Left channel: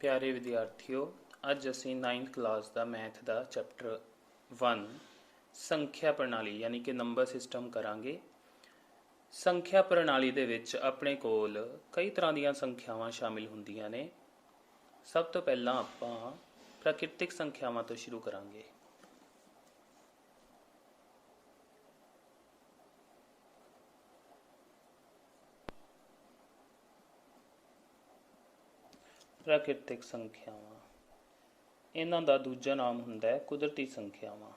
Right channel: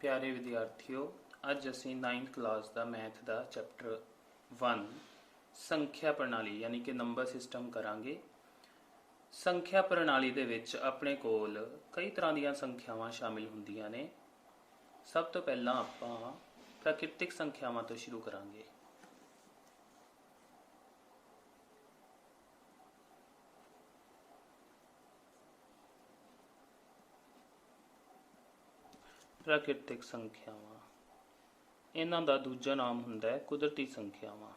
प्यारे विद्यार्थियों, अज असी 9th क्लास का मैथ का चैप्टर 1 संख्या प्रणाली यानी कि नंबर सिस्टम करांगे। संख्या प्रणाली दे विच अपने कोल कई तरह दी संख्यावां शामिल हुंदियां ने। सब तो पहला आपां प्राकृतिक संख्यावां तो शुरू करांगे। प्राकृतिक संख्यावां इन्हां दा दूजा नाम हुंदा है कुदरती संख्यावां।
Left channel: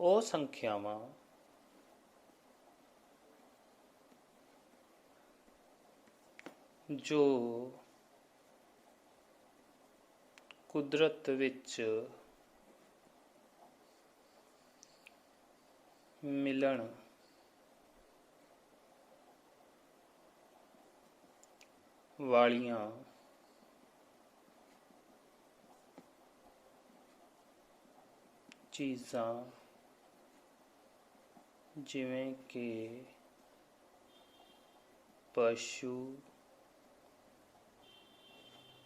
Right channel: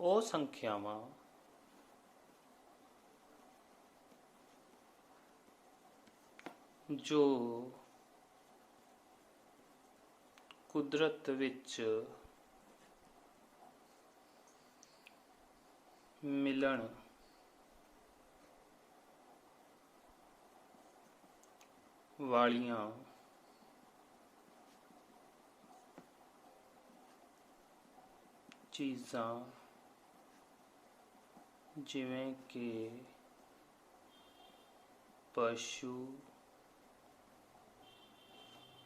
ਉਹ ਸੰਖਿਆਵਾਂ ਜੋ ਕੁਦਰਤ ਵਿੱਚ ਮਿਲਣ ਵਾਲੀਆਂ ਚੀਜ਼ਾਂ ਜਿਵੇਂ ਕਿ ਪਸ਼ੂ,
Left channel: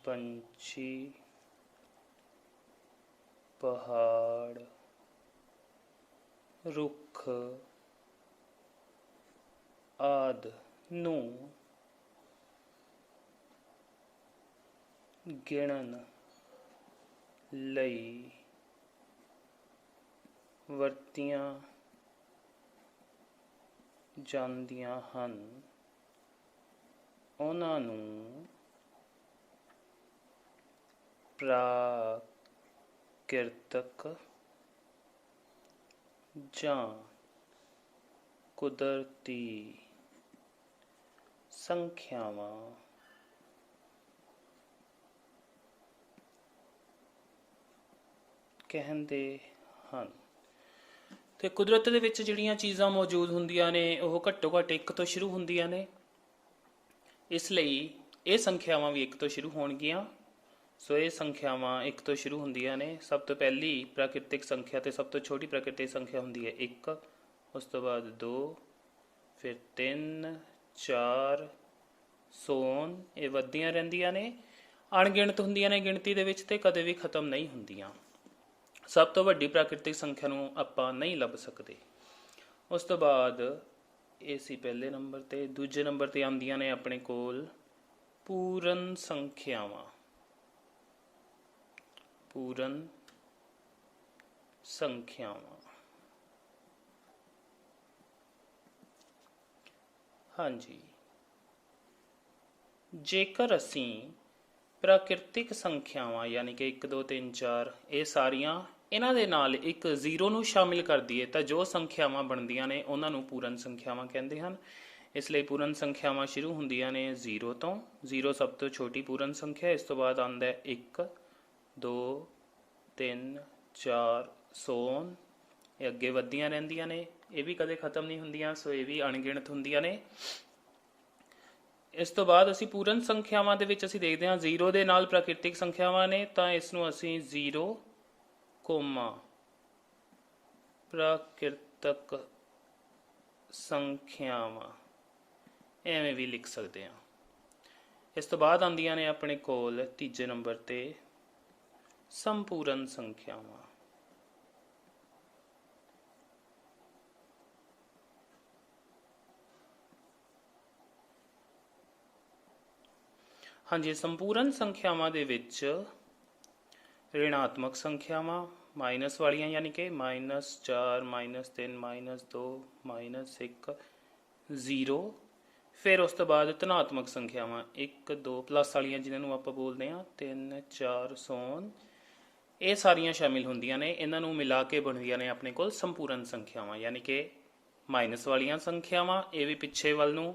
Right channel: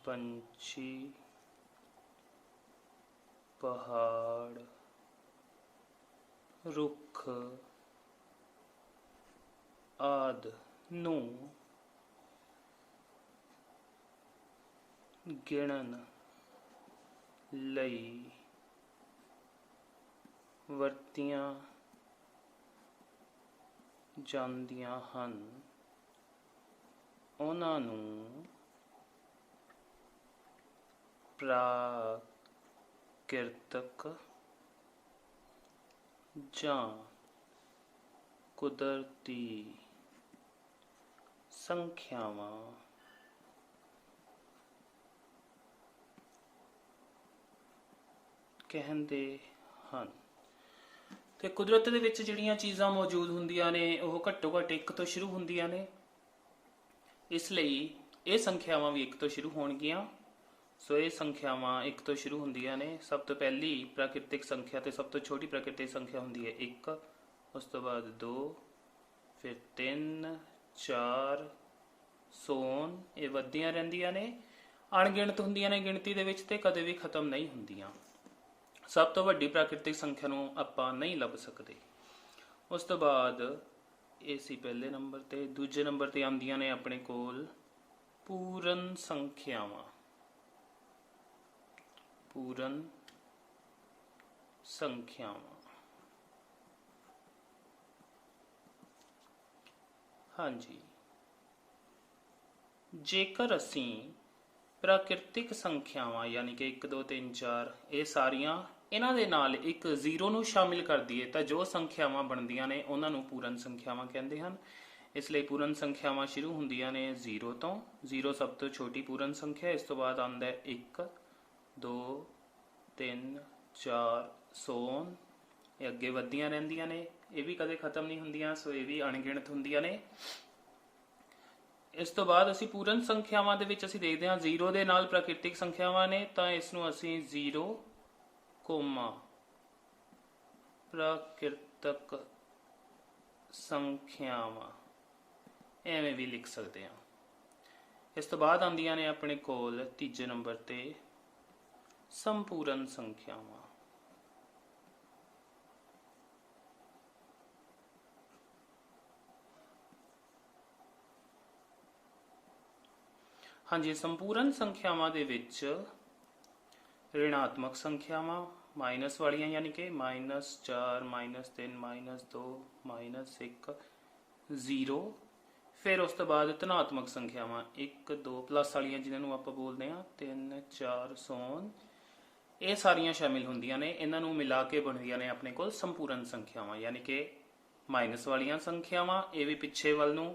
ਪੰਛੀ, ਪਹਾੜ, ਰੁੱਖ ਆਦਿ ਨੂੰ ਗਿਣਨ ਲਈ ਵਰਤੀਆਂ ਜਾਂਦੀਆਂ ਹਨ, ਉਹਨਾਂ ਨੂੰ ਪ੍ਰਾਕਿਰਤਕ ਜਾਂ ਕੁਦਰਤੀ ਸੰਖਿਆਵਾਂ ਕਹਿੰਦੇ ਹਨ। ਤੇ ਕੁਦਰਤ ਦੇ ਵਿੱਚ ਜਿਹੜੀਆਂ ਚੀਜ਼ਾਂ ਮੌਜੂਦ ਹੁੰਦੀਆਂ ਨੇ ਉਹ ਘੱਟੋ ਘੱਟ 1 ਤੋਂ ਸ਼ੁਰੂ ਹੁੰਦੀਆਂ ਨੇ, ਇਸ ਲਈ ਇਹ ਸੰਖਿਆਵਾਂ ਵੀ 1 ਤੋਂ ਸ਼ੁਰੂ ਹੋਣਗੀਆਂ। ਸੋ ਇਹ ਸੰਖਿਆਵਾਂ 1 ਤੋਂ ਸ਼ੁਰੂ ਹੁੰਦੀਆਂ ਨੇ। ਸਭ ਤੋਂ ਪਹਿਲੀ ਪ੍ਰਾਕਿਰਤਿਕ ਸੰਖਿਆ ਤੇ ਸਭ ਤੋਂ ਛੋਟੀ ਪ੍ਰਾਕਿਰਤਿਕ ਸੰਖਿਆ ਹੁੰਦੀ ਹੈ 1, ਉਸ ਤੋਂ ਬਾਅਦ 2, ਫਿਰ 3, 4 ਸੋਨ। ਇਹ ਵੱਧਦੀਆਂ ਰਹਿੰਦੀਆਂ ਨੇ, ਅਣਗਿਣਤ ਹੁੰਦੀਆਂ ਨੇ ਗਿਣਤੀ ਦੇ ਵਿੱਚ ਤੇ ਕਦੇ ਵੀ ਖਤਮ ਨਹੀਂ ਹੁੰਦੀਆਂ। ਸਭ ਤੋਂ ਵੱਡੀ ਪ੍ਰਾਕਿਰਤਿਕ ਸੰਖਿਆ ਨੂੰ ਆਪਾਂ ਨਹੀਂ ਲੱਭ ਸਕਦੇ। ਉਸ ਤੋਂ ਬਾਅਦ ਇਹ ਸੀ ਪਹਿਲੇ ਨੰਬਰ ਤੇ। ਦੂਜੇ ਨੰਬਰ ਤੇ ਆਉਂਦੀਆਂ ਨੇ ਆਪਣੇ ਕੋਲ ਪੂਰਨ ਸੰਖਿਆਵਾਂ। ਪੂਰਨ ਸੰਖਿਆਵਾਂ ਹਾਂਜੀ, ਜੇਕਰ ਅਸੀਂ ਪ੍ਰਾਕਿਰਤਿਕ ਸੰਖਿਆਵਾਂ ਯਾਨੀ ਕਿ 1, 2, 3, 4 ਇਹ ਸਾਰੀਆਂ ਇਹਨਾਂ ਦੇ ਨਾਲ ਇੱਕ 0 ਨੂੰ ਸ਼ਾਮਿਲ ਕਰ ਦਈਏ ਤਾਂ ਜੋ ਸੰਖਿਆਵਾਂ ਬਣਦੀਆਂ ਨੇ ਉਹਨਾਂ ਨੂੰ ਪੂਰਨ ਸੰਖਿਆਵਾਂ ਕਹਿੰਦੇ ਹਨ। ਇਸ ਲਈ ਪੂਰਨ ਸੰਖਿਆਵਾਂ ਸ਼ੁਰੂ ਹੁੰਦੀਆਂ ਨੇ 0 ਤੋਂ। 0 ਸਭ ਤੋਂ ਛੋਟੀ ਪੂਰਨ ਸੰਖਿਆ। ਇਸ ਤੋਂ ਬਾਅਦ ਆਉਂਦਾ 1, 2, 3, 4 ਸੋਨ। ਇਹ ਅੱਗੇ ਵੱਧਦੀਆਂ ਰਹਿੰਦੀਆਂ ਨੇ, ਇਹ ਵੀ ਕਦੇ ਖਤਮ ਨਹੀਂ ਹੁੰਦੀਆਂ, ਸੋ ਇਹ ਵੀ ਅਣਗਿਣਤ ਹੁੰਦੀਆਂ ਨੇ। ਇਸ ਤੋਂ ਬਾਅਦ ਅਸੀਂ ਪੂਰਨ ਸੰਖਿਆਵਾਂ ਦੇ ਵਿੱਚ ਅਸੀਂ ਦੇਖਦੇ ਹਾਂ 0 ਦੇ ਨਾਲ ਪ੍ਰਾਕਿਰਤਿਕ ਸੰਖਿਆਵਾਂ ਨੇ ਤਾਂ ਇਸ ਨੂੰ ਅਸੀਂ 0, ਪ੍ਰਾਕਿਰਤਕ ਸੰਖਿਆਵਾਂ ਐਵੇਂ ਵੀ ਲਿਖ ਸਕਦੇ ਹਾਂ। ਇਸ ਤੋਂ ਬਾਅਦ ਆਉਂਦੀਆਂ ਨੇ ਆਪਣੇ ਕੋਲ ਤੀਜੇ ਨੰਬਰ ਤੇ ਸੰਪੂਰਨ ਸੰਖਿਆਵਾਂ। ਹਾਂਜੀ, ਸੰਪੂਰਨ ਸੰਖਿਆਵਾਂ ਦੇ ਵਿੱਚ ऋणात्मक ਸੰਖਿਆਵਾਂ ਮਾਈਨਸ ਵਾਲੀਆਂ ਯਾਨੀ ਕਿ -4, -3, -2, -1, 0। ਫਿਰ ਉਸ ਤੋਂ ਬਾਅਦ ਧਨਾਤਮਕ ਸੰਖਿਆਵਾਂ 1, 2 ਪਲੱਸ ਵਾਲੀਆਂ ਜਿਨ੍ਹਾਂ ਨੂੰ ਆਪਾਂ ਬੋਲਦੇ ਹਾਂ 3, 4 ਸੋਨ। ਇਹ ਸਾਰੀਆਂ ਸ਼ਾਮਿਲ ਹੁੰਦੀਆਂ ਨੇ। ਇਹਨਾਂ ਨੂੰ ਮਿਲਾ ਕੇ ਬਣਦੀਆਂ ਨੇ ਆਪਣੇ ਕੋਲ ਸੰਪੂਰਨ ਸੰਖਿਆਵਾਂ ਯਾਨੀ ਕਿ ਮਾਈਨਸ ਵਾਲੀਆਂ ਸੰਖਿਆਵਾਂ। ਇਹ ਵੀ ਪਿੱਛੇ ਵੱਲ ਨੂੰ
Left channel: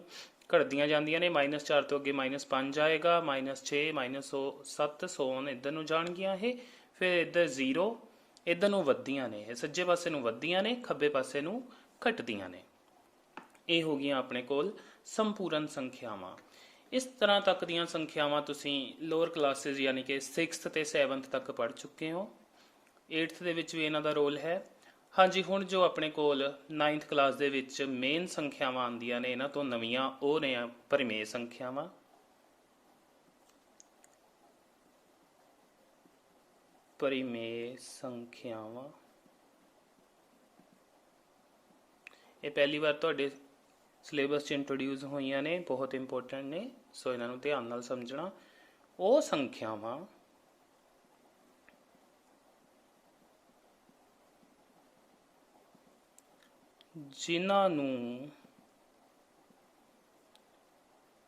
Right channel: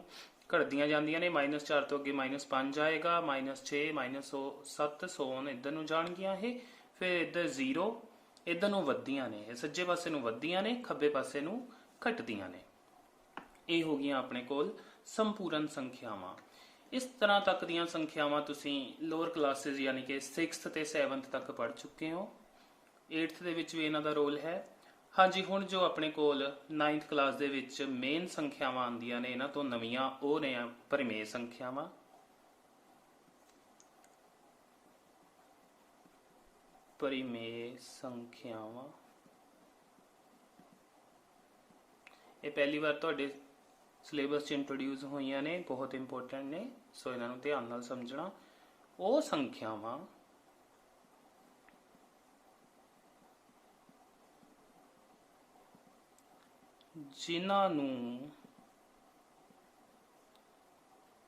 ਘਟਦੀਆਂ ਜਾਂਦੀਆਂ ਨੇ। -4 ਤੋਂ ਅੱਗੇ -5 ਆਏਗਾ, -6, -7 ਸੋਨ ਇੱਧਰ ਨੂੰ ਜਾਣਗੀਆਂ ਇਹ। ਫਿਰ ਇੱਧਰ 0 ਇੱਧਰ ਨੂੰ ਵੱਧਦੀਆਂ ਨੇ, ਇਹ ਸੱਜੇ ਪਾਸੇ ਨੂੰ ਵੱਧਦੀਆਂ ਨੇ, ਖੱਬੇ ਪਾਸੇ ਨੂੰ ਘਟਦੀਆਂ ਨੇ। ਇਹ ਹੋ ਗਈਆਂ ਆਪਣੇ ਕੋਲ ਸੰਪੂਰਨ ਸੰਖਿਆਵਾਂ। ਇਸ ਤਰ੍ਹਾਂ ਤੱਕ ਦੀਆਂ ਸੰਖਿਆਵਾਂ ਤੁਸੀਂ ਲੋਅਰ ਕਲਾਸਿਸ ਯਾਨੀ ਕਿ 6th ਤੇ 7th ਤੱਕ ਪੜ੍ਹ ਚੁੱਕੇ ਹੋ। 8th ਦੇ ਵਿੱਚ ਵੀ ਇਹਨਾਂ ਦਾ ਰੋਲ ਹੈ। हाँ जी, ਹੁਣ जो ਆਪਣੇ ਕੋਲ 9th ਕਲਾਸ ਦੇ ਵਿੱਚ ਮੇਨ ਸੰਖਿਆਵਾਂ ਆਉਂਦੀਆਂ ਨੇ ਇਹਨਾਂ ਤੋਂ ਨਵੀਆਂ, ਉਹ ਨੇ ਪਰਿਮੇਯ ਸੰਖਿਆਵਾਂ। ਪਰਿਮੇਯ ਸੰਖਿਆਵਾਂ ਇਹ ਪਹਿਲੀ ਵਾਰ ਤੁਹਾਡੇ ਸਿਲੇਬਸ 'ਚ ਇੰਟਰੋਡਿਊਸ ਹੋਈਆਂ ਨੇ, ਬਹੁਤ ਇੰਪੋਰਟੈਂਟ ਨੇ, ਸੋ ਇਹਨਾਂ ਨੂੰ ਧਿਆਨ ਨਾਲ ਸਮਝਣਾ। ਉਹ ਸੰਖਿਆਵਾਂ ਜਿਨ੍ਹਾਂ ਨੂੰ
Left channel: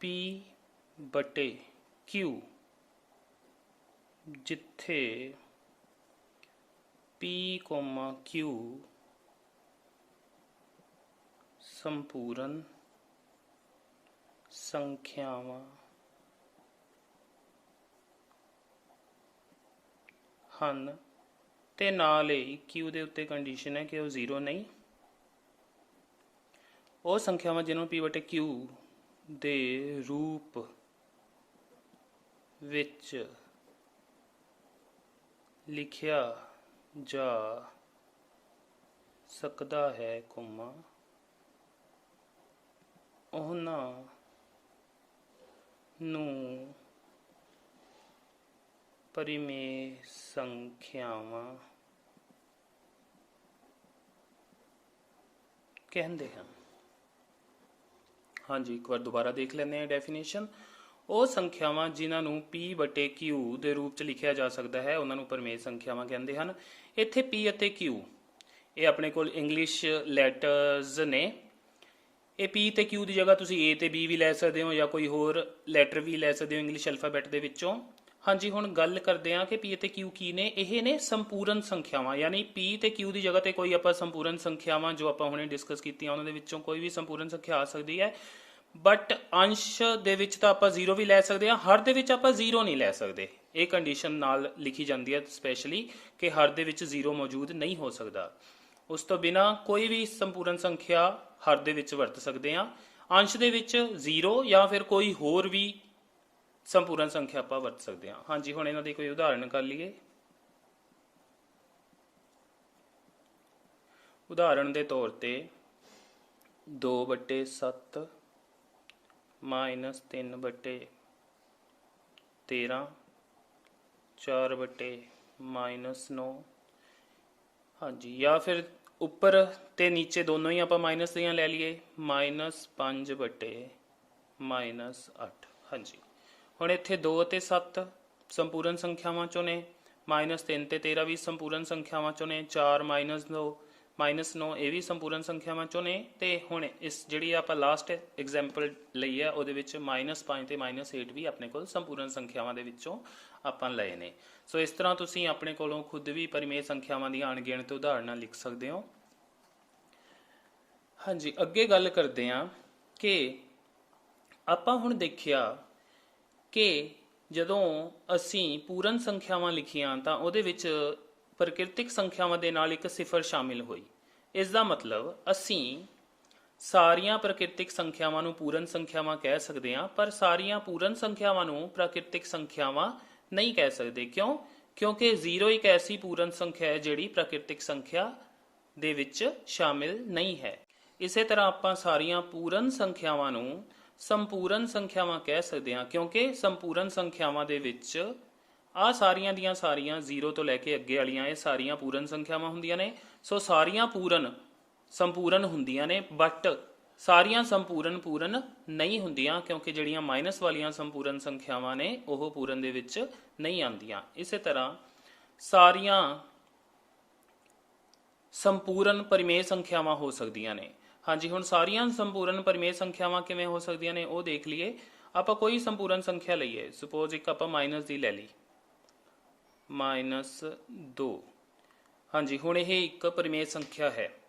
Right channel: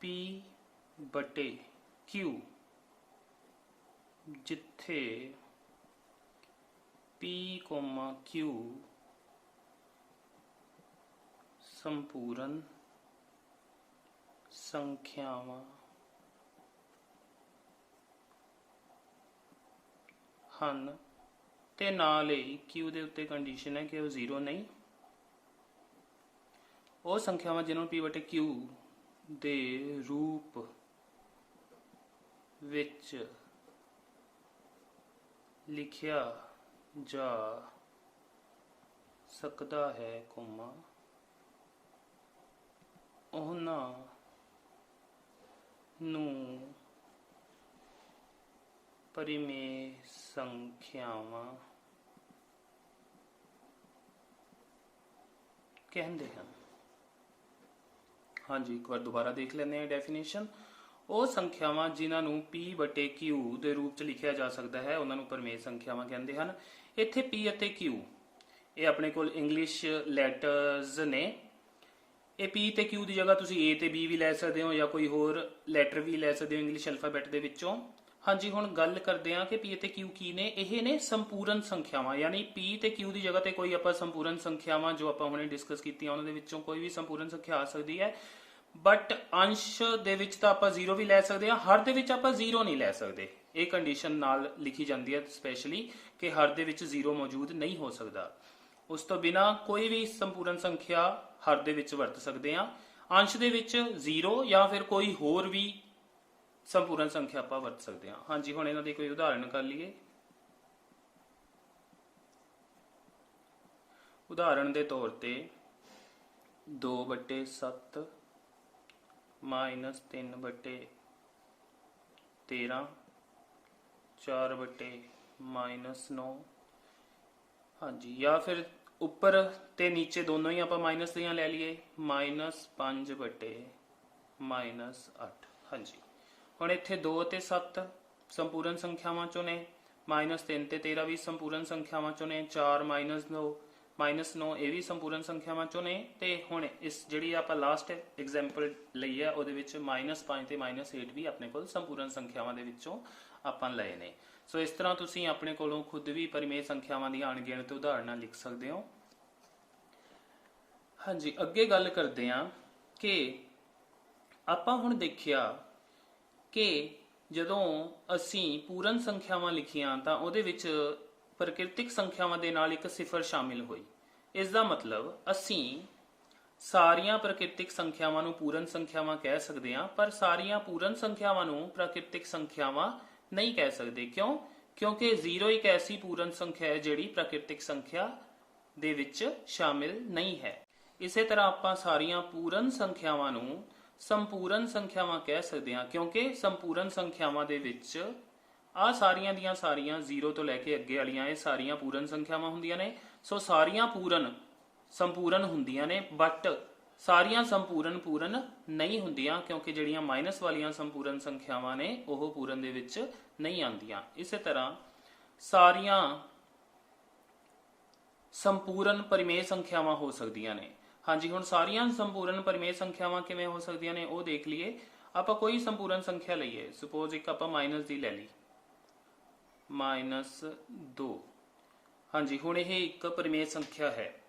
P ਬਟੇ Q, ਜਿੱਥੇ P, Q ਸੰਪੂਰਨ ਸੰਖਿਆਵਾਂ ਹਨ ਤੇ ਨਾਲ ਹੀ Q ਦੇ ਉੱਤੇ ਕੰਡੀਸ਼ਨ ਹੈ ਕਿ ਉਹ 0 ਨਹੀਂ। ਉਹ ਸੰਖਿਆਵਾਂ ਜਿਹਨੂੰ P ਬਟੇ Q ਦੇ ਰੂਪ ਵਿੱਚ ਲਿਖਿਆ ਜਾ ਸਕਦਾ ਹੈ, ਉਹਨਾਂ ਨੂੰ ਪਰਿਮੇਯ ਸੰਖਿਆਵਾਂ ਕਹਿੰਦੇ ਹਨ। हाँ जी, एक बार दोबारा देख लेने डेफिनेशन। ਉਹ ਸੰਖਿਆਵਾਂ ਜਿਨ੍ਹਾਂ ਨੂੰ P ਬਟੇ Q ਦੇ ਰੂਪ 'ਚ ਲਿਖਿਆ ਜਾ ਸਕਦਾ ਹੈ ਉਹਨਾਂ ਨੂੰ ਪਰਿਮੇਯ ਸੰਖਿਆਵਾਂ ਕਹਿੰਦੇ ਹਨ। ਇੱਥੇ P ਅਤੇ Q ਇਹ ਆਪਣੇ ਕੋਲ ਇੰਗਲਿਸ਼ ਲੈਟਰਸ ਨੇ। ਇਹ P ਤੇ Q ਦੀ ਜਗ੍ਹਾ ਤੁਸੀਂ A ਤੇ B ਵੀ ਲੈ ਸਕਦੇ ਹੋ ਜਾਂ ਕੋਈ ਹੋਰ ਲੈਟਰ ਵੀ ਲੈ ਸਕਦੇ ਹੋ ਇੰਗਲਿਸ਼ ਅਲਫਾਬੈਟ ਦੇ ਵਿੱਚੋਂ। ਹਾਂਜੀ, ਹੁਣ ਗੱਲ ਕਰਦੇ ਹਾਂ ਕਿ P ਅਤੇ Q ਕੀ ਨੇ। ਇਹ ਨੇ ਸੰਪੂਰਨ ਸੰਖਿਆਵਾਂ, ਯਾਨੀ P ਤੇ Q ਦੀ ਜਗ੍ਹਾ ਤੇ ਕੋਈ ਆਪਾਂ ਸੰਪੂਰਨ ਸੰਖਿਆਵਾਂ ਜੋ ਆਪਾਂ ਹੁਣੇ ਡਿਸਕਸ ਕੀਤੀਆਂ ਉਹਨਾਂ ਦੇ ਵਿੱਚੋਂ ਕੋਈ ਵੀ ਸੰਪੂਰਨ ਸੰਖਿਆ ਆ ਸਕਦੀ ਹੈ। ਬਟ ਅੰਸ਼ ਦੇ ਵਿੱਚ ਤਾਂ ਆਪਾਂ 0 ਵੀ ਲੈ ਸਕਦੇ ਹਾਂ, ਹਰ ਦੇ ਵਿੱਚ ਆਪਾਂ 0 ਨਹੀਂ ਲੈ ਸਕਦੇ। ਇਹ ਕੰਡੀਸ਼ਨ ਨਾਲ ਲਿਖੀ ਜਾਂਦੀ ਹੈ ਸਪੈਸ਼ਲੀ ਕਿ ਹਰ ਦੇ ਵਿੱਚ 0 ਮੌਜੂਦ ਨਹੀਂ ਹੋ ਸਕਦਾ। ਉਸ ਤੋਂ ਬਿਨਾਂ ਕੋਈ ਵੀ ਸੰਪੂਰਨ ਸੰਖਿਆ ਹਰ ਦੇ ਵਿੱਚ ਵਰਤ ਸਕਦੇ ਹਾਂ। ਅੰਸ਼ ਦੇ ਵਿੱਚ 0 ਜਾਂ ਫਿਰ ਕੋਈ ਹੋਰ ਵੀ ਸੰਪੂਰਨ ਸੰਖਿਆ ਆਪਾਂ ਵਰਤ ਸਕਦੇ ਹਾਂ। ਹਾਂਜੀ, ਹੁਣ ਇਹਨਾਂ ਦੀ ਕੋਈ ਉਦਾਹਰਨ ਕਰ ਲਈਏ। ਉਦਾਹਰਨ ਦੇ ਤੌਰ ਤੇ 2/7 -3/13 4/-9। ਹਾਂਜੀ, ਜਾਂ ਫਿਰ ਉੱਪਰ ਤੇ ਨੀਚੇ ਦੋਨੋਂ ਹੀ ਆਪਾਂ ਮਾਈਨਸ ਦੀਆਂ ਲੈ ਲਈਏ, -5/-8। ਹਾਂਜੀ, ਹੁਣ ਇੱਥੇ 2 ਅਤੇ 7 ਸੰਪੂਰਨ ਸੰਖਿਆਵਾਂ ਚੋਂ ਨੇ, -3 ਤੇ 13 ਵੀ ਸੰਪੂਰਨ ਸੰਖਿਆਵਾਂ ਚੋਂ ਨੇ, 4 -9 ਇਹ ਵੀ ਸੰਪੂਰਨ ਸੰਖਿਆਵਾਂ ਚੋਂ ਨੇ। ਤੇ ਹੁਣ ਇਸ ਜਿਹੜੀ ਆਪਾਂ ਲਾਸਟ ਐਗਜ਼ਾਮਪਲ ਲਈ ਹੈ ਉਹਦੇ ਵਿੱਚ -5 ਤੇ -8 ਵੀ ਆਪਣੇ ਕੋਲ ਸੰਪੂਰਨ ਸੰਖਿਆਵਾਂ ਦੇ ਵਿੱਚੋਂ ਆਪਾਂ ਲਏ ਨੇ। ਸੋ ਇਸ ਤਰ੍ਹਾਂ ਤੁਸੀਂ ਆਪਣੇ ਕੋਲੋਂ ਖੁਦ ਵੀ ਪਰਿਮੇਯ ਸੰਖਿਆਵਾਂ ਦੀਆਂ ਅਣਗਿਣਤ ਉਦਾਹਰਨਾਂ ਲਿਖ ਸਕਦੇ ਹੋ। ਹਾਂਜੀ, ਅੱਗੇ ਗੱਲ ਕਰਦੇ ਹਾਂ ਕਿ ਆਪਾਂ ਹੁਣ ਦੇਖਿਆ ਕਿ ਜਦੋਂ ਅਸੀਂ ਪੂਰਨ ਸੰਖਿਆਵਾਂ ਲਿਖੀਆਂ ਤਾਂ ਉਹਦੇ ਵਿੱਚ ਪ੍ਰਕਿਰਤਿਕ ਸੰਖਿਆਵਾਂ ਦੇ ਨਾਲ ਇੱਕ ਸਿਫਰ ਸ਼ਾਮਿਲ ਹੋਈ। ਇਸ ਦਾ ਮਤਲਬ ਅਸੀਂ ਸਾਰੀਆਂ ਪ੍ਰਕਿਰਤਿਕ ਸੰਖਿਆਵਾਂ ਨੂੰ ਪੂਰਨ ਸੰਖਿਆਵਾਂ ਕਹਿ ਸਕਦੇ ਹਾਂ, ਪਰ ਸਾਰੀਆਂ ਪੂਰਨ ਸੰਖਿਆਵਾਂ ਨੂੰ ਪ੍ਰਾਕਿਰਤਿਕ ਸੰਖਿਆਵਾਂ ਨਹੀਂ ਕਹਿ ਸਕਦੇ। ਕਿਉਂ? ਕਿਉਂਕਿ 0 ਇੱਕ ਐਸੀ ਪੂਰਨ ਸੰਖਿਆ ਹੈ ਜਿਹੜੀ ਪ੍ਰਾਕਿਰਤਿਕ ਸੰਖਿਆ ਦੇ ਵਿੱਚ ਸ਼ਾਮਿਲ ਨਹੀਂ ਹੈ। ਇਸੇ ਤਰ੍ਹਾਂ ਆਪਾਂ ਸਾਰੀਆਂ ਪੂਰਨ ਸੰਖਿਆਵਾਂ ਨੂੰ ਸੰਪੂਰਨ ਸੰਖਿਆਵਾਂ ਕਹਿ ਸਕਦੇ ਹਾਂ, ਕਿਉਂਕਿ ਸੰਪੂਰਨ ਸੰਖਿਆਵਾਂ ਦੇ ਵਿੱਚ ਆ ਸਾਰੀਆਂ ਦੀਆਂ ਸਾਰੀਆਂ 0 ਤੋਂ ਲੈ ਕੇ ਅੱਗੇ ਵਾਲੀਆਂ ਇਹ ਸਾਰੀਆਂ ਪੂਰਨ ਸੰਖਿਆਵਾਂ ਹੁੰਦੀਆਂ ਨੇ। ਸੋ ਸਾਰੀਆਂ ਸੰਪੂਰਨ ਹੁੰਦੀਆਂ ਨੇ, ਬਟ ਸਾਰੀਆਂ ਪੂਰਨ ਨਹੀਂ ਹੁੰਦੀਆਂ, ਕਿਉਂਕਿ ਜਿਹੜੀਆਂ ਮਾਈਨਸ ਵਾਲੀਆਂ ਸੰਪੂਰਨ ਸੰਖਿਆਵਾਂ ਨੇ ਉਹ ਪੂਰਨ ਦੇ ਵਿੱਚ ਨਹੀਂ ਆਉਂਦੀਆਂ। ਇਸੇ ਤਰ੍ਹਾਂ ਸਾਰੀਆਂ ਸੰਪੂਰਨ ਪਰਿਮੇਯ ਸੰਖਿਆਵਾਂ ਹੋ ਸਕਦੀਆਂ ਨੇ। ਹਾਂਜੀ, ਹੁਣ ਸਾਰੀਆਂ ਸੰਪੂਰਨ ਪਰਿਮੇਯ ਸੰਖਿਆਵਾਂ ਕਿਵੇਂ ਹੋ ਸਕਦੀਆਂ ਨੇ ਉਹ ਦੇਖ ਲਈਏ। ਆਪਾਂ ਕੋਈ ਸੰਪੂਰਨ ਸੰਖਿਆ ਲਈਏ, ਸਪੋਜ਼ ਇੱਕ ਆਪਾਂ ਮਾਈਨਸ ਦੀ ਲੈ ਲਈ, -2। ਹਾਂਜੀ, ਹੁਣ ਇਹ ਇੱਕ ਪਰਿਮੇਯ ਸੰਖਿਆ ਹੈ,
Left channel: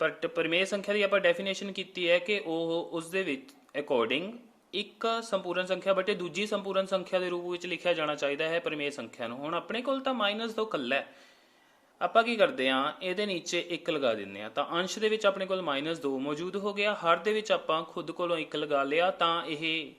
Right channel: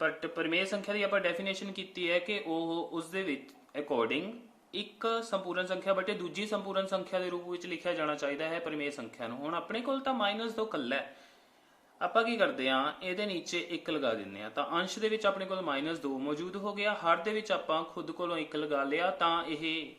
ਬਟ ਪਰਿਮੇਯ ਸੰਖਿਆ ਦੀ ਆਪਾਂ ਡੈਫੀਨੇਸ਼ਨ ਕੀਤੀ ਹੈ ਕਿ ਉਹ ਉਸ ਦੇ ਵਿੱਚ ਅਕੋਰਡਿੰਗ ਇੱਕ ਸੰਪੂਰਨ ਸੰਖਿਆ ਬਟੇ ਦੂਜੀ ਸੰਪੂਰਨ ਸੰਖਿਆ ਦੇ ਰੂਪ ਵਿੱਚ ਲਿਖਿਆ ਜਾਣਾ ਚਾਹੀਦਾ ਹੈ ਪਰਿਮੇਯ ਸੰਖਿਆ ਨੂੰ। ਹੁਣ ਆਪਣੇ ਕੋਲ ਤਾਂ -2 ਇਕੱਲਾ ਹੈ, ਆਪਾਂ ਕੀ ਕਰਦੇ ਹਾਂ, ਇਹਦੇ ਨੀਚੇ 1 ਲਗਾ ਦਿੰਦੇ ਹਾਂ, ਤਾਂ ਅੰਸ਼ ਦੇ ਵਿੱਚ ਆਪਣੇ ਕੋਲ -2 ਮੌਜੂਦ ਹੋ ਗਿਆ। ਹਰ ਦੇ ਵਿੱਚ ਆਪਾਂ ਖੁਦ ਕੋਲੋਂ 1 ਲਗਾ ਲਿਆ, ਤਾਂ ਇਹ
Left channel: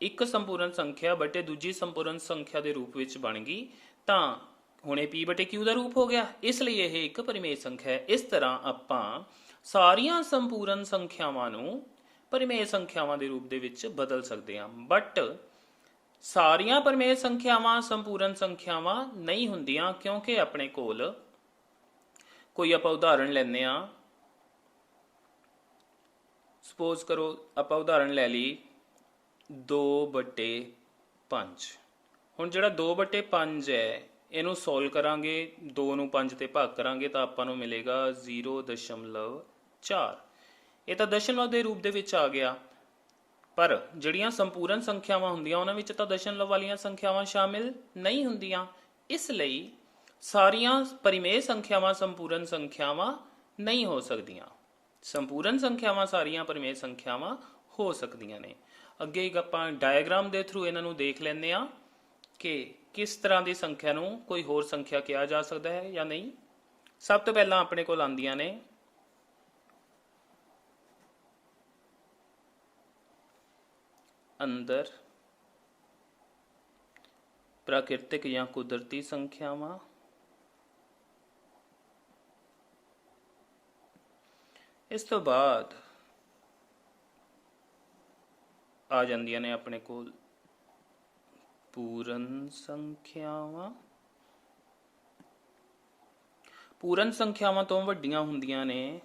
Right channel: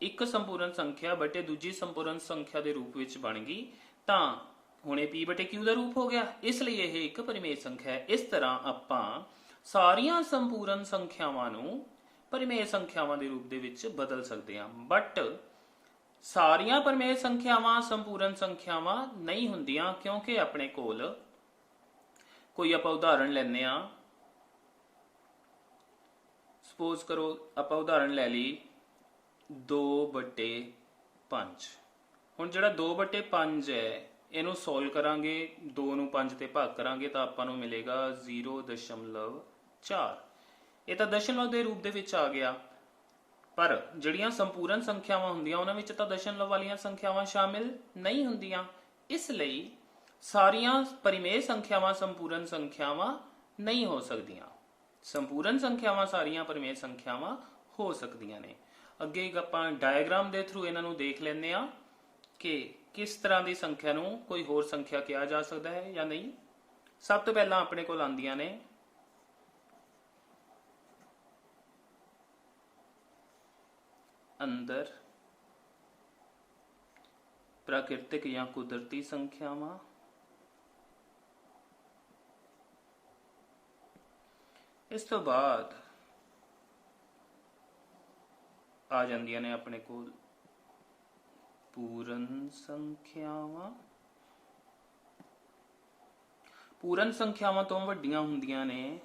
ਇੱਕ ਸੰਪੂਰਨ ਸੰਖਿਆ ਬਟੇ ਦੂਜੀ ਸੰਪੂਰਨ ਸੰਖਿਆ ਦੇ ਰੂਪ ਵਿੱਚ ਬਣ ਗਈ। ਤਾਂ ਹੁਣ ਇਹ p ਬਟੇ q ਦਾ ਰੂਪ ਹੋ ਗਿਆ, ਇਸ ਲਈ ਇਹ ਇੱਕ ਪਰਿਮੇਯ ਸੰਖਿਆ ਹੈ। ਇਸ ਤਰ੍ਹਾਂ ਆਪਾਂ ਸਾਰੀਆਂ ਸੰਪੂਰਨ ਸੰਖਿਆਵਾਂ ਨੂੰ ਪਰਿਮੇਯ ਸੰਖਿਆਵਾਂ ਦੇ ਰੂਪ ਦੇ ਵਿੱਚ ਬਦਲ ਸਕਦੇ ਹਾਂ। ਬਟ ਸਾਰੀਆਂ ਪਰਿਮੇਯ ਸੰਖਿਆਵਾਂ ਸੰਪੂਰਨ ਸੰਖਿਆਵਾਂ ਨਹੀਂ ਹੁੰਦੀਆਂ, ਕਿਉਂਕਿ ਆਪਣੇ ਕੋਲ ਕੋਈ ਆਪਾਂ ਉਦਾਹਰਣ ਲੈਂਦੇ ਆ। ਸਪੋਜ਼ ਕਰੋ ਆਪਾਂ ਉਦਾਹਰਣ ਲੈ ਲਈ 2/5। ਹੁਣ ਜਿਹੜਾ 2/5 ਹੈ ਇਹਨੂੰ ਸੋਲਵ ਕਰਾਂਗੇ, 2 ਨੂੰ 5 ਤੇ ਭਾਗ ਕਰਾਂਗੇ ਤਾਂ ਆਪਾਂ ਨੂੰ ਮਿਲੇਗਾ 0.4। ਇਹ ਤਾਂ ਦਸ਼ਮਲਵ ਦੇ ਰੂਪ ਦੇ ਵਿੱਚ ਆ ਗਿਆ, ਪਰ ਜਿਹੜੀਆਂ ਸੰਪੂਰਨ ਸੰਖਿਆਵਾਂ ਹੁੰਦੀਆਂ ਉਹਨਾਂ ਵਿੱਚ ਤਾਂ ਦਸ਼ਮਲਵ ਵਾਲੀਆਂ ਸੰਖਿਆਵਾਂ ਸ਼ਾਮਿਲ ਨਹੀਂ ਹੁੰਦੀਆਂ। ਇਸ ਲਈ ਸਾਰੀਆਂ ਪਰਿਮੇਯ ਸੰਖਿਆਵਾਂ ਸੰਪੂਰਨ ਸੰਖਿਆਵਾਂ ਨਹੀਂ ਹੋ ਸਕਦੀਆਂ। ਸੰਪੂਰਨ ਸੰਖਿਆਵਾਂ ਸਾਰੀਆਂ ਪਰਿਮੇਯ ਸੰਖਿਆਵਾਂ ਹੋ ਸਕਦੀਆਂ ਨੇ। ਅੱਗੇ ਇੱਕ ਆਪਾਂ ਡਾਇਗਰਾਮ ਦੇ ਥਰੂ ਇਹਨਾਂ ਨੂੰ ਦੇਖ ਲੈਂਦੇ ਆ ਕਿ ਕਿਸ ਤਰ੍ਹਾਂ ਦੀ ਸੰਖਿਆ ਨੂੰ ਕੋਈ ਹੋਰ ਸੰਖਿਆ ਕਿਹਾ ਜਾ ਸਕਦਾ ਹੈ ਜਾਂ ਨਹੀਂ। ਸਭ ਤੋਂ ਪਹਿਲਾਂ ਆਪਣੇ ਕੋਲ ਆਉਂਦੀਆਂ ਨੇ अंदर प्राकृतिक या कुदरती संख्यावां, इस तो बाद आ जांदियां ने अपने कोल पूर्ण संख्यावां। पूर्ण संख्यावां तो वड्डियां हुंदियां ने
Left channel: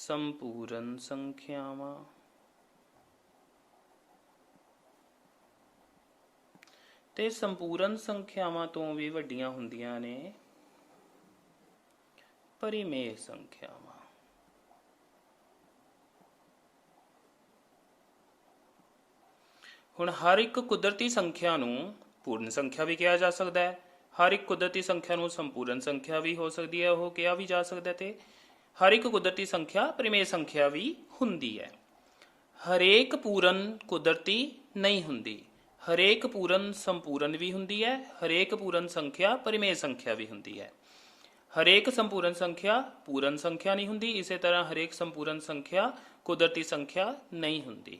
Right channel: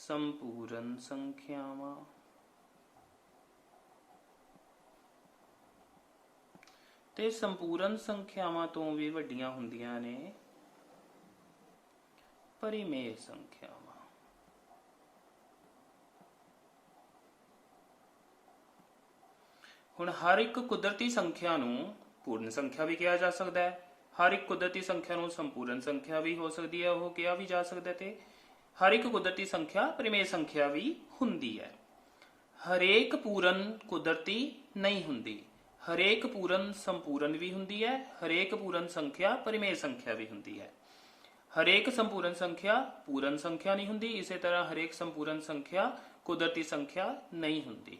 संपूर्ण संख्यावां। ਤੇ ਸੰਪੂਰਨ ਸੰਖਿਆਵਾਂ ਤੋਂ ਵੀ ਵੱਡੀਆਂ ਹੁੰਦੀਆਂ ਨੇ ਪਰਿਮੇਯ ਸੰਖਿਆਵਾਂ। ਹੁਣ ਹਰ ਇੱਕ ਕੁਦਰਤੀ ਸੰਖਿਆ ਨੂੰ ਪੂਰਨ ਸੰਖਿਆ ਵੀ ਕਿਹਾ ਜਾ ਸਕਦਾ ਹੈ, ਹਰ ਇੱਕ ਕੁਦਰਤੀ ਸੰਖਿਆ ਨੂੰ ਸੰਪੂਰਨ ਸੰਖਿਆ ਵੀ ਹੋ ਸਕਦੀ ਹੈ, ਉਹ ਕਿਹਾ ਵੀ ਜਾ ਸਕਦਾ, ਤੇ ਹਰ ਇੱਕ ਕੁਦਰਤੀ ਸੰਖਿਆ ਪਰਿਮੇਯ ਸੰਖਿਆ ਵੀ ਹੁੰਦੀ ਹੈ। ਹਰੇਕ ਪੂਰਨ ਕੁਦਰਤੀ ਨਹੀਂ ਹੁੰਦੀ, ਹਰੇਕ ਪੂਰਨ ਸੰਪੂਰਨ ਵੀ ਹੁੰਦੀ ਹੈ, ਹਰੇਕ ਪੂਰਨ ਸੰਖਿਆ ਪਰਿਮੇਯ ਸੰਖਿਆ ਵੀ ਹੁੰਦੀ ਹੈ। ਹਰੇਕ ਸੰਪੂਰਨ ਸੰਖਿਆ ਪੂਰਨ ਸੰਖਿਆ ਨਹੀਂ ਹੁੰਦੀ, ਇਸੇ ਤਰ੍ਹਾਂ ਹਰੇਕ ਸੰਪੂਰਨ ਸੰਖਿਆ ਕੁਦਰਤੀ ਸੰਖਿਆ ਨਹੀਂ ਹੁੰਦੀ।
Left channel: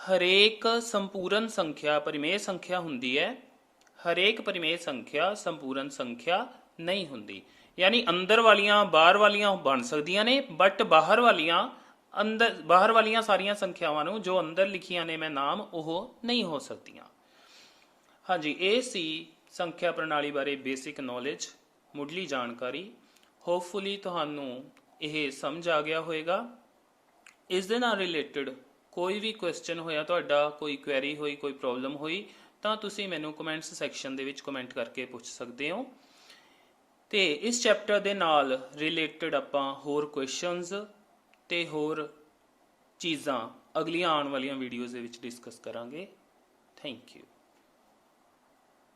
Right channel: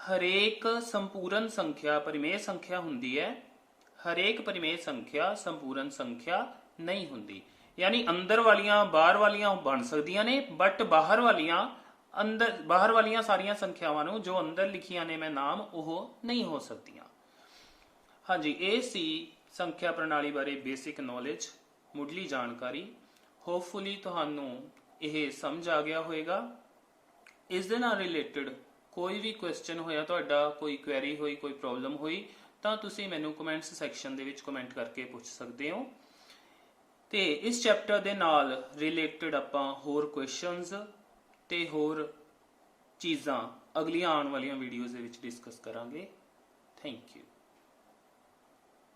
ਹਰੇਕ ਸੰਪੂਰਨ ਸੰਖਿਆ ਪਰਿਮੇਯ ਸੰਖਿਆ ਹੁੰਦੀ ਹੈ, ਹਰੇਕ ਪਰਿਮੇਯ ਸੰਖਿਆ ਸੰਪੂਰਨ ਸੰਖਿਆ ਨਹੀਂ ਹੁੰਦੀ। ਯਾਨੀ ਅੰਦਰ ਵਾਲੀਆਂ ਬਾਹਰ ਵਾਲੀਆਂ ਬਣ ਸਕਦੀਆਂ ਨੇ, ਬਟ ਬਾਹਰ ਵਾਲੀਆਂ ਸਾਰੀਆਂ ਸੰਖਿਆਵਾਂ ਨੂੰ ਜੋ ਅੰਦਰ ਲਿਖੀਆਂ ਨੇ ਮੈਂ ਨਾਮ, ਉਹ ਨਹੀਂ ਹੋ ਸਕਦੀਆਂ। ਹਾਂਜੀ, ਇਹ ਸੀ ਸੰਖਿਆ ਪ੍ਰਣਾਲੀ ਬਾਰੇ ਬੇਸਿਕ ਨੌਲੇਜ, ਮੁੱਢਲੀ ਜਾਣਕਾਰੀ। ਹੋਪਫੁਲੀ ਤੁਹਾਨੂੰ ਇਹ ਸਮਝ ਆ ਗਿਆ ਹੋਵੇਗਾ। ਇਸ ਦੇ ਨਾਲ ਰਿਲੇਟਡ ਕੋਈ ਵੀ ਕੁਐਸਚਨ ਹੋਇਆ ਤੁਹਾਡਾ, ਕੋਈ ਕੁਐਰੀ ਹੋਈ, ਕੋਈ ਪ੍ਰੋਬਲਮ ਹੋਈ, ਤਾਂ ਤੁਸੀਂ ਮੈਨੂੰ ਕਮੈਂਟਸ ਸੈਕਸ਼ਨ ਦੇ ਵਿੱਚ ਕਮੈਂਟ ਕਰਕੇ ਪੁੱਛ ਸਕਦੇ ਹੋ। ਤੇ ਇਸ ਚੈਪਟਰ ਦੇ ਨਾਲ ਰਿਲੇਟਡ ਆਪਾਂ ਹੋਰ ਕੁਐਸਚਨਸ ਤੇ ਹੋਰ ਚੀਜ਼ਾਂ ਅਗਲੀਆਂ ਆਉਣ ਵਾਲੀਆਂ ਵੀਡੀਓਜ਼ ਦੇ ਵਿੱਚ ਡਿਸਕਸ ਕਰਾਂਗੇ। Thank you.